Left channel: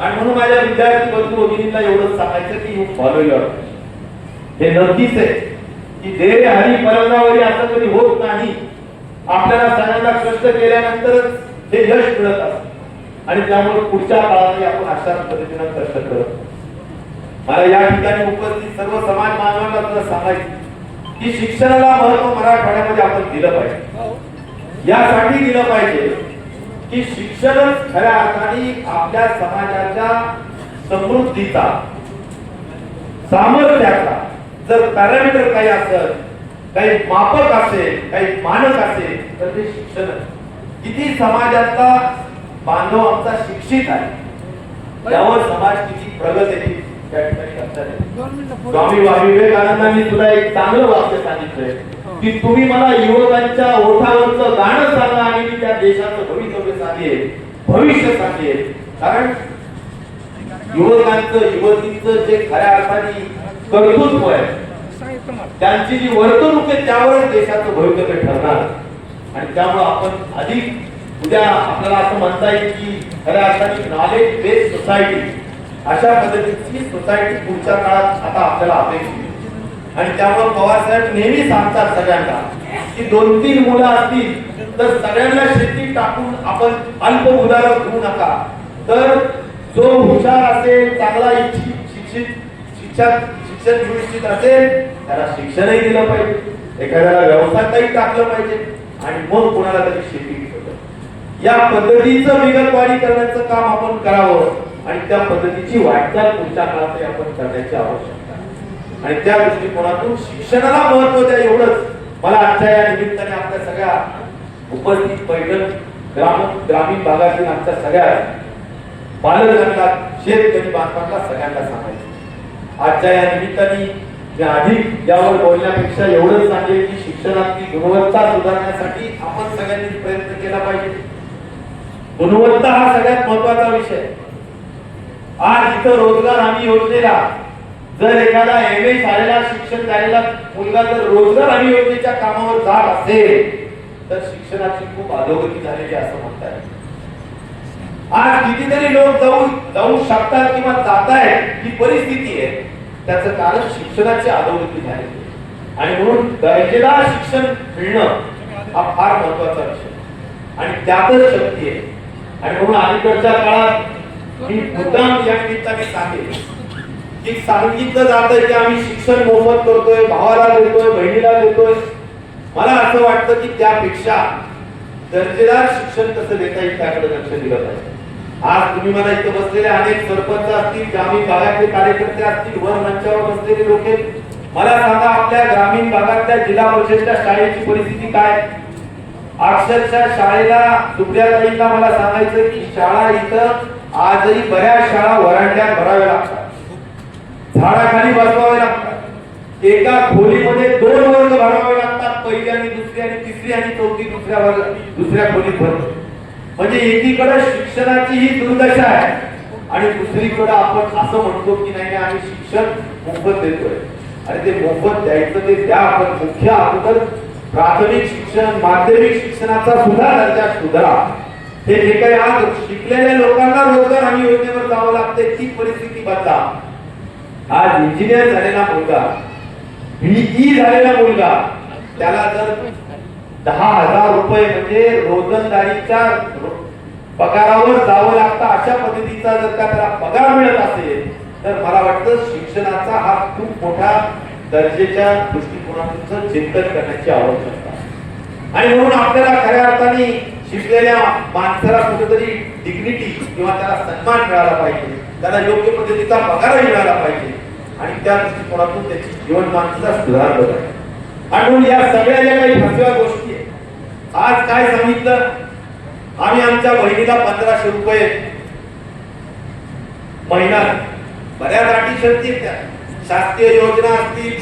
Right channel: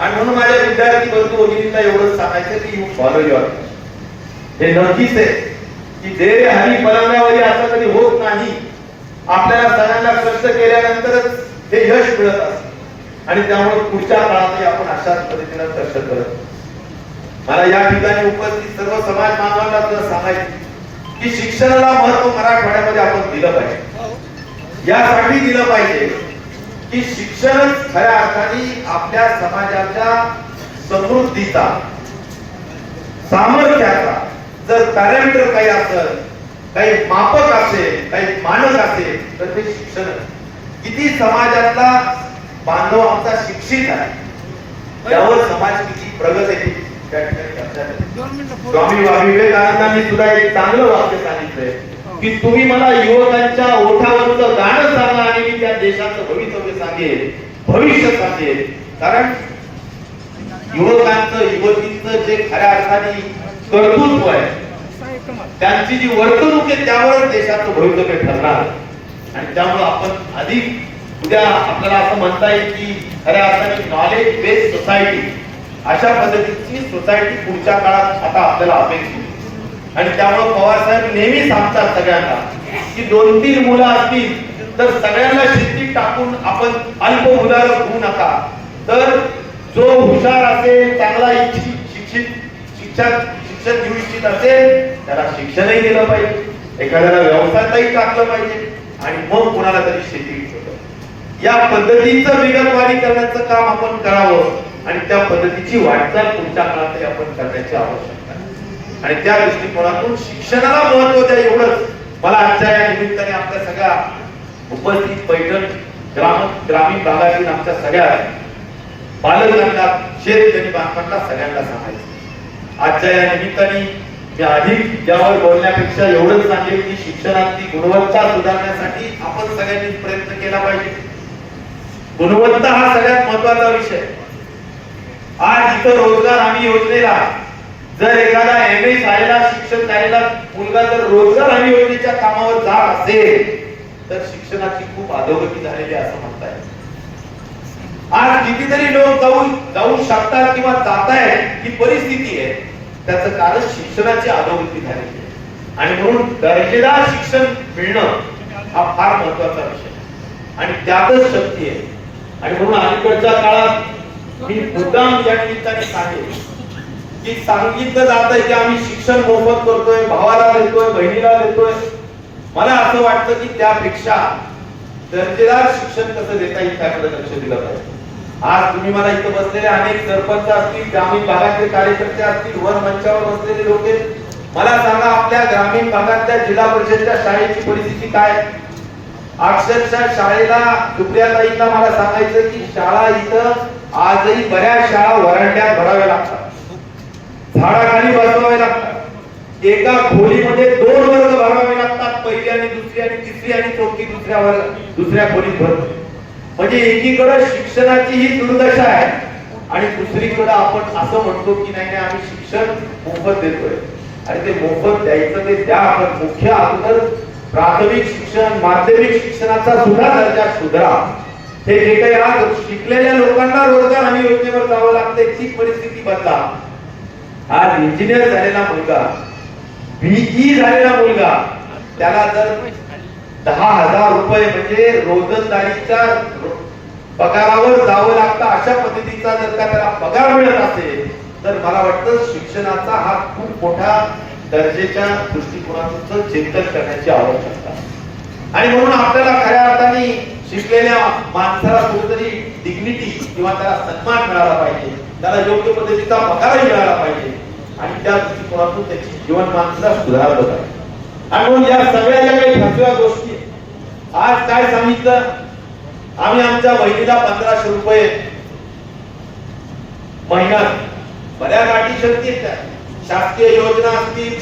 आणि म्हणून माझ्या विद्यार्थी बंधू भगिनींना एवढंच सांगायचं की यू फॉलो युअर हे नक्कीच आहे की दे हरी परंगावरी असं कधी होत नाही. आपल्याला सगळ्यांना कष्ट केल्यानंतरच हे यश मिळत असत. आणि त्यामुळे पुढच्या काळातही आपण अशाच पद्धतीनं कष्ट करत मला या ठिकाणी उपस्थित सर्व समाज बांधवांना तर सांगायचं की शिक्षणाला महत्त्व मराठवाड्यामध्ये आपण दिलं पाहिजे. यासाठी दिलं पाहिजे की शिक्षणच खऱ्या अर्थाने आपल्या समाजाच्या समृद्धीचा सामर्थ्याचा. जर पॅरामीटर काही असेल काही मापक असेल काही मानक असेल तर ते शिक्षण किती समाजातला बांधव आमचा शिक्षित आहे त्यावर समाज किती प्रगत आहे त्या ठिकाणी स्वामी विवेकानंदांनी सुद्धा एक चांगलं वाक्य सांगितलंय की तुम्ही मला युवकांच्या ओठावरचं गाणं सांगा आणि मी त्या देशाचं भवितव्य सांगेन भविष्य सांगेन कारण युवकांचं युवतींचं जे खऱ्या अर्थाने कर्तृत्व आहे त्यांची जी वर्तणूक आहे त्यावरच देशाचं भवितव्य ठरणार. आणि त्यामुळे आपण अधिक उद्या आपल्याला असं म्हणता येईल की खऱ्या अर्थाने नॉलेज बेस्ड सोसायटी अशा पद्धतीची सोसायटी पुढच्या काळात आता आपल्याला अपेक्षित आणि त्यामुळे पवार साहेब नेहमीच सांगतात सगळ्यांना की दोन तीन मुलं असतील तर सगळ्यांना शेती टाकून आपण अल्प मुलाला घेऊ नका. तर जो हुशार असेल चांगला इच्छित शिक्षित शिक्षक शिक्षण घेऊ इच्छित असेल त्याला शिक्षणही दिलं पाहिजे. एखाद्याला व्यवसायातही टाकलं पाहिजे. आणि मग कोणाला तरी शेती या पद्धतीचं विगतवारी करण्याचं काम आपण करावं. आणि त्या पद्धतीची वाटचाल पुढच्या काळात तरी आपण करण्याची आवश्यकता आणि त्या दृष्टिकोनातून शिक्षणाला महत्त्व द्या एवढंच. मला आजच्या या निमित्ताने आपल्या सगळ्या उपस्थित पैठण ग्राम ग्रामीण भागातील आमच्या सगळ्या पालकांना शेतकरी बांधवांना सगळ्यांना सांगायचं. आजच्या या निमित्ताने मी अधिक यावर बोलण्यापेक्षा एवढंच सांगेल की शिक्षणाची गुणवत्ता सुधारण्यासाठी आपण सगळ्यांनी प्रयत्न केला पाहिजे. गुणवत्ता हा सगळ्यात महत्त्वाचा विषय. आज इथं रोजगार हमी योजनेला जर एखादा एम ए शाळेला शिक्षण झालेला मुलगा जर रोजगार हमी योजनेच्या कामावर जात असेल तर शिक्षणाची खूप अधोगती झालेली असं म्हणता येईल. आज कितीतरी लोक जाऊन जाऊ शकतात किंवा जात आहेत ही परिस्थिती आहे. त्याचं कारण शिक्षणाची अधोगती झालेली आहे. आणि म्हणून दर्जेदार शिक्षण मिळणं हा फार महत्त्वाचा विषय. आणि त्यातच शक्ती आहे. आणि म्हणून अलीकडच्या काळात मी मुद्दाम या निमित्ताने सांगेल की सांगितलं जात आहे की आम्ही शिक्षण मोफत करतोय भावाला देतोय बहिणीला देतोय मला असं वाटतं की त्यापेक्षा दर्जेदार शिक्षण कसं देता येईल त्याकडे लक्ष दिलं पाहिजे. आज तुम्ही मला इथं बसलेले अनेक सरपंच असतील ग्रामीण भागातले कार्यकर्ते असतील वर मंचावर बसलेले लोक मला सांगा आपल्या ग्रामीण भागातल्या जिल्हा परिषदच्या शाळेची परिस्थिती काय? आहे? अक्षरशः शाळेला सुप्रियाताईंना मला सांगायचं की शाळा इथं आजही बऱ्याच शाळा वरांड्यात भराव्या लागतात. झाडाखाली बसवावे लागतात. एका खोलीमध्ये दोन वर्ग भरावे लागतात. पहिली आणि दुसरी आणि तिसरी आणि चौथी दुसऱ्या दुसऱ्या खोलीत भरतो. म्हणजे एकीकडे शिक्षणाची ही दुर्दशा आहे आणि दुसरीकडे आपण असं म्हणतो की नाही नाही आम्ही शिक्षण मोफत देतोय. आणि ते मोफत द्यायचं ते द्या आपण मुख्य अगोदर प्राथमिक शिक्षण माध्यमिक शिक्षणाचा सुद्धा दर्जा सुधारा. हे जे काही आज शिकलेल्या लोकांना रोजगार आणि योजनेवर जावं लागते ती परिस्थिती बदला. आज इंजिनियर झालेला मुलगा बीई झालेला मुलगा त्याला जर दहा हजार रुपये म्हणजे रोजंदारीच्या पगारावर जावं लागतं अशा पद्धतीचा जर का त्याला पगार मिळत असेल तर मला वाटतं शिक्षणाचा हा खूप मोठा दर्जेच्या दृष्टिकोनाचं चिंतन करण्याची आवश्यकता आणि म्हणून आपल्याला खऱ्या अर्थाने शिकलेल्या माणसाला कुठेतरी डिग्निटी किंवा त्याला सन्मान मिळाला पाहिजे त्याला योग्य पद्धतीचा पगारही मिळाला पाहिजे आणि त्या दृष्टिकोनातून त्याची जीवनमान सुद्धा सुधारलं पाहिजे. आणि म्हणून या सगळ्या ज्या काही फसव्या गोष्टी आज काय सांगितलं? आम्ही आमच्या बहिणीला पंधराशे रुपये महिना. बऱ्याच अटी शक्ती शासकीय योजना असतील